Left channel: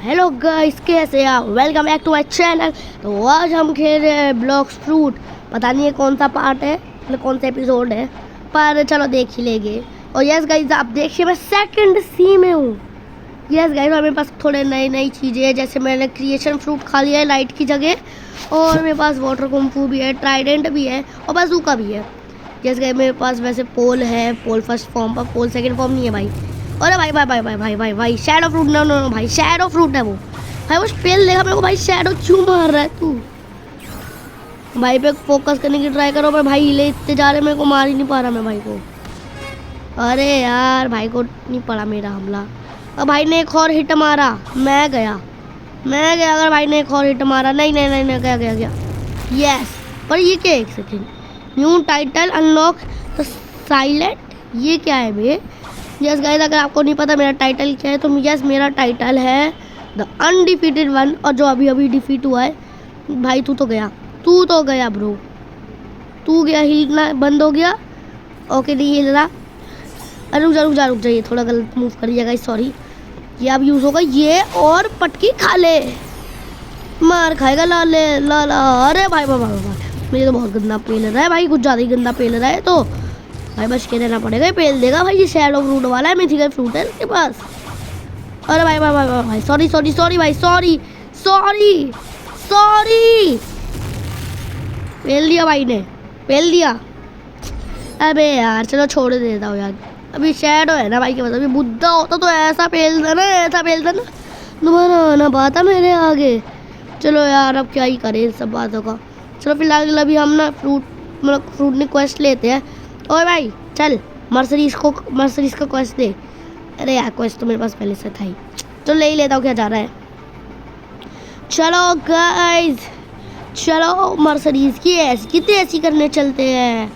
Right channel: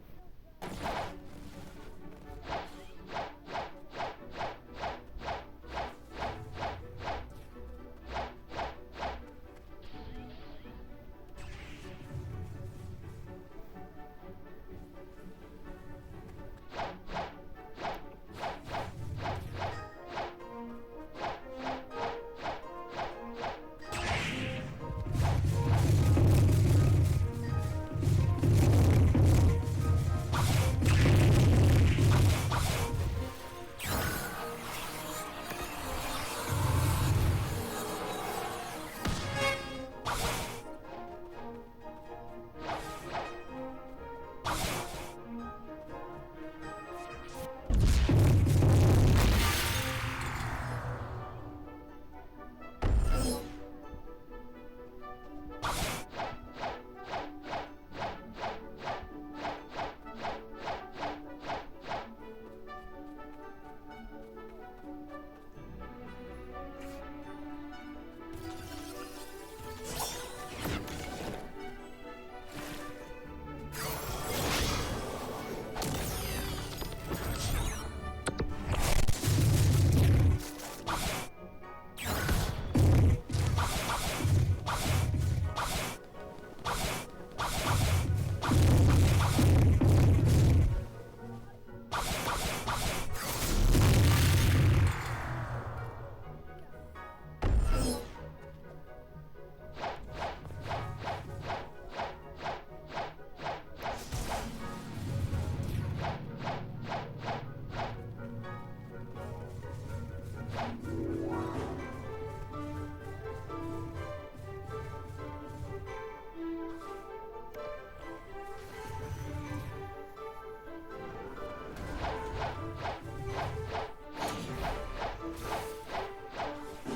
Hello guys, कैसे आप? Welcome back to my channel. तो आज हम खेल रहे हैं ब्लॉक्स फ्रूट। पता नहीं है कौन सा पार्ट है, मतलब कौन सा एपिसोड है, पर चलो देख ही लेंगे। और यस गाइस, आप देखिए मैं सेकंड सी में हूँ। यस गाइस, मेरे पास थोड़े नई चीज़ें हैं, जैसे मैंने क्रिएशन फ्रूट खा लिया है लाइट की जगह, और मेरे पास वाटर कुंफू भी है, ट्राइडेंट भी है और बाजूका भी है। यस गाइस, मेरे पास वैसे पोल है, पोल फर्स्ट फॉर्म पर, पोल सेकंड फॉर्म नहीं है भाई। अरे भाई भाई भाई भाई भाई भाई भाई shadow fruit, no no no भाई, शैडो फ्रूट है वो भाई। वो फेल देगा मेरे को भाई। शैडो क्यों मार रहा है तू? भाई पे फोकस करने की ट्राई करो, पर भाई हिले इतने जा रहे, मेरे को मार ही नहीं पा रहा मैं भाई को। अरे यार, भाई को नहीं पड़ा मेरा हमला। अब भाई ने एक और हिट मारा, मैं गया। अगर भाई ने एक और हिट मारा, नहीं नहीं नहीं, नहीं गया यस। और ये क्या, एक second, new title unlock silent, ये क्या है भैया? यस गाइस, अगर आपको नहीं पता मेरा टाइटल क्या है, तो यस मेरा टाइटल है द अनडिफीटेड वन। और जो अभी अभी डिफीट हुआ है भाई, तू तो गया ब्रो, तू गया, हिलना बंद हो गया। ओके नहीं हिल रहा। अरे रुक जा, ये थोड़ा गलत मूव करिएगा गाइस, सॉरी। ये अब यूज़ होगा ये, और पटकी खा ले, मार खाएगा ला ले ला ला। अरे भाई मुझे तो बहुत गंदा पेल रहा है भाई, कुछ ज़्यादा ही गंदा पेल रहा है। तो भाई बच के रहना पड़ेगा, पेल देगा भाई। ये शैडो फ्रूट वाला है, मिथिकल फ्रूट है इसके पास। अरे भाई भाई भाई भाई, सॉरी भाई, सॉरी। पेल दिया भाई ने, पेल दिया। अबे यार चलो छोड़ देता हूँ यार, अभी शैडो है ना भाई के पास। अभी बुद्धा होता तो ऐसा पेल था ना, दोबारा आना पाता मेरे आगे। चलो यार, अब क्या ही करें इन सब बातों का। चलो फिलहाल अभी हम ना फ्रूट ने क्वेस्ट लेते हैं। ओए भाई चल, मर्सरीज का क्वेस्ट दे। अरे यार, क्वेस्ट तो मेरे पास पहले से था ही, तो ले ही लेता हूँ, क्या जा रहा है। चलो गाइस, चलो मर्सरीज की कितने ऐसी करने चलते हैं।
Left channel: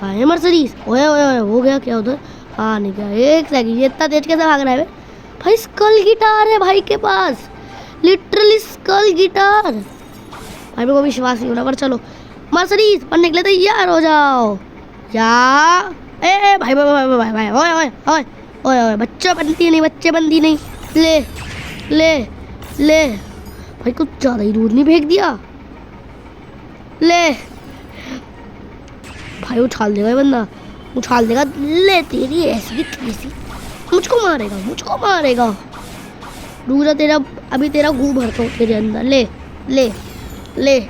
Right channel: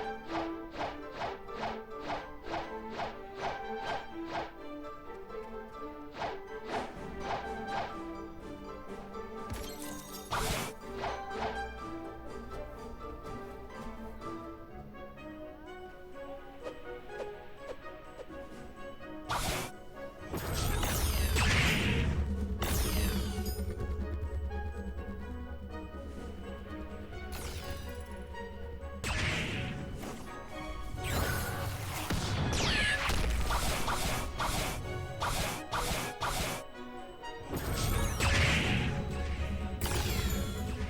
कहाँ है मर्सरीज? ओए हो गया क्या उधर? हाँ नहीं गया, एक सेकंड, ये इतना तेज कैसे भाग रहा है भाई? स्कल गिटार है भाई के पास, लिटरली स्कल गिटार। भाई मेरे को विश्वास नहीं हो रहा, पर चलो मर्सरीज पढ़ने के लिए तैयार हो जाओ। क्या ए भाई ओए बच्चे बंदी नहीं। ले भाई, कुछ ज़्यादा ही दूर नहीं फेंक दिया। ले भाई, उछाल देगा ये बंदा, उछाल देगा। ले तेरी ऐसी मुझको मारेगा। रुक जा, अभी तेरा गू भरता हूँ तेरे अंदर। ले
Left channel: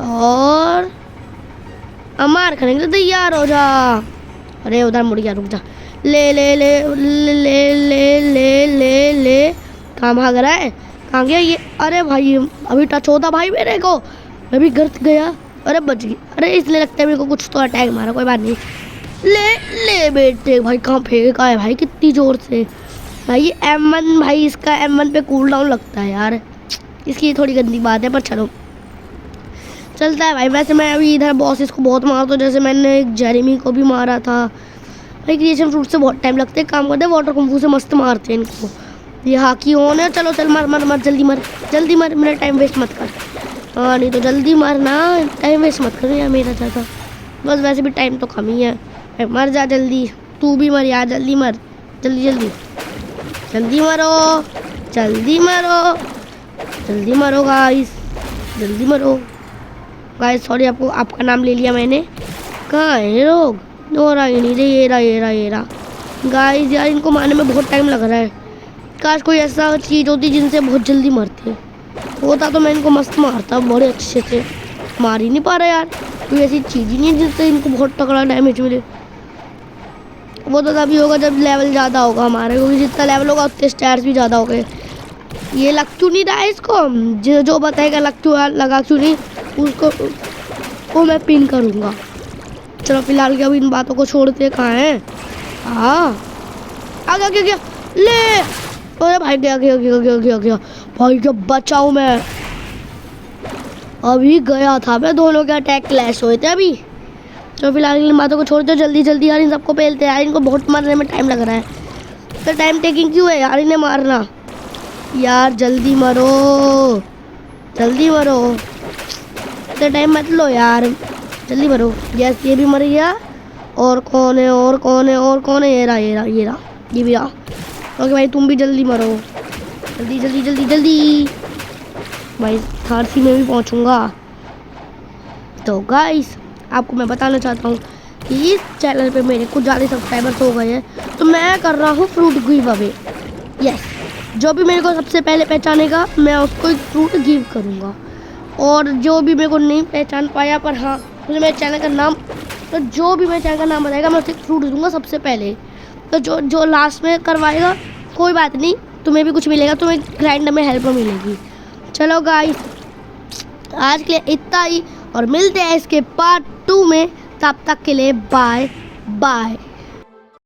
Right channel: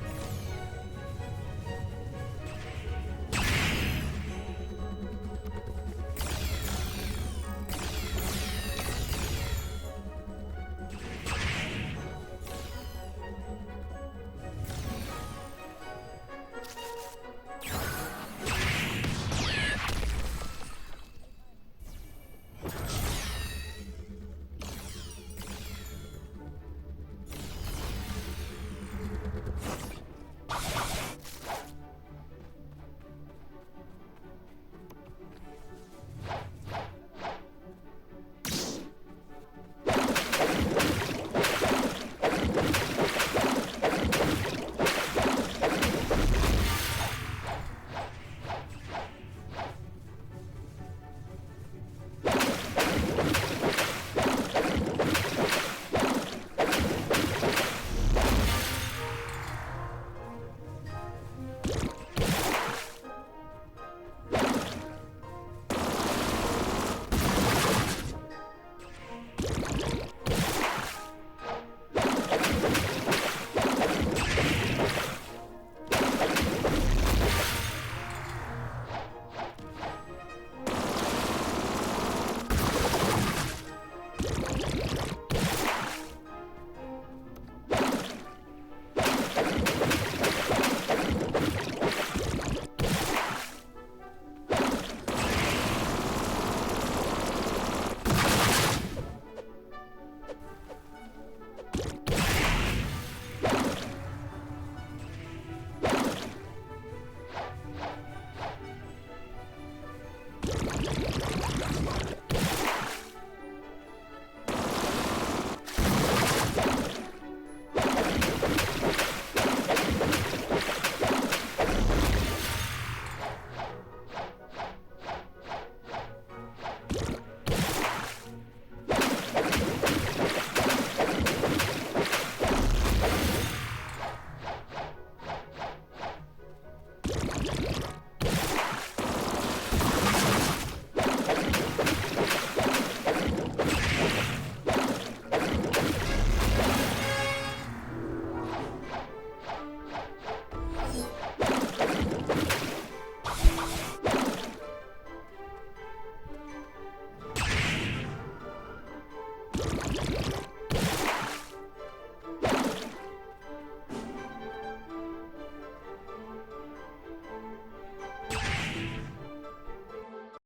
और मार खाने के लिए तैयार हो जा। अरे उधर मुड़ गया, रुक जा। ले कहाँ भाग रहा है? कहाँ गया ये? अरे भाई अभी टच होता भाई मेरे को, मैं भी गिर गया। अरे बच गई। अरे इसलिए लगता है मेरे को कुछ तो अटैक मारा, कोई बात नहीं। ले बेटे भाई, कहाँ फेंका है भाई कितनी जोर से भाई। M1 भाई, इसका M1 पे कूल डाउन लगता है यार, इसकी थोड़ी गंदी बात है, पर चलो चलता है भाई। वैसे मैं अभी इधर बॉसेस को बहुत मारता हूँ, जैसे मैंने एक जेरेमी को भी मारा था भाई। क्रिएशन फ्रूट से बहुत टाइम लगते हैं, काम करते हैं, वाटर कुंफू से मस्त मारते हैं इनको। ये हाकी होने, चलो चल मर जल्दी मर, मेरा टाइम वेस्ट मत कर। हाँ नहीं तो जल्दी मारना, टाइम वेस्ट मत कर यार मेरा ज़्यादा, बस वैसे भी टाइम तो कम ही है। मर जा जल्दी, तू भी मर यार, जल्दी मर, जल्दी मरो गाइस, सॉरी आपका नाम ले लिया मैंने। कहाँ है लोग? ये रहा गाइस। यार इनको मारने में बहुत टाइम लग रहा है, काश कोई ऐसा चीज़ होती जिनसे बहुत जल्दी मरते होता, तो मैं इनको मस्त मारता बड़े अच्छे से। मार ही नहीं पा रहा यार, कोई ऐसी चीज़ ही नहीं जिससे इनको बहुत तगड़ा डैमेज मिले। वो तो तभी होगा जब लेवल ज़्यादा होगा हमारे, क्योंकि जितना लेवल होगा उतने स्टैर्स भी ज़्यादा हो गए। ये लग क्यों नहीं रहा है इसको? जो बताएगा लग क्यों लगा क्यों नहीं, उसको मैं पिन करूँगा। चलो फिलहाल क्या, इन बातों को छोड़ते कहाँ हैं। हाँ आ गया ले। अरे भाई गया भाई, जब बचाऊँ मैं, अभी गया था मैं, दोनों के अटैक क्लैश हुए थे अभी। तो फिलहाल इन बातों को छोड़ दो, जल्दी यार इन सबको पेलते हैं यार, इनको बहुत मारने में टाइम लग रहा है। तो टाइम टेकिंग क्यों है यार इन्हें मारना यार? जल्दी मरो, इतना टाइम मत लो यार, जल्दी मरो। यस ये भी मर गया। और कौन है? ये रहा, ये भी आ। ओके भाई तुम भी जल्दी मरो, जल्दी झांसी में भी पहुंचूंगा। तो गाइस आपको मैं बताना चाहता हूँ कि इस चैनल पे मेरे कुछ ज़्यादा सब्सक्राइबर्स हो गए हैं, तो मैं कर रहा हूँ फ्रूट गिव अवे। यस, जो भी मेरे को सबसे पहले पहचानेगा मैं उसको एक फ्रूट गिव करूँगा। और जो भी मेरे को नहीं पहचान पाया, पर हाँ मुझे मेरे चैनल का नाम, तो जो भी मेरे चैनल का नाम बताएगा मैं उसे फ्रूट दूंगा सबसे पहले। तो जो लास्ट में करवाएगा कोई बात नहीं, तुम्हें भी कुछ मिलेगा, तुम्हें ग्राइंडर में हेल्प मिलेगी। चलो गाइस आज के लिए इतना ही, और मिलते हैं इसके पार्ट 2 में। तब तक के लिए बाय बाय।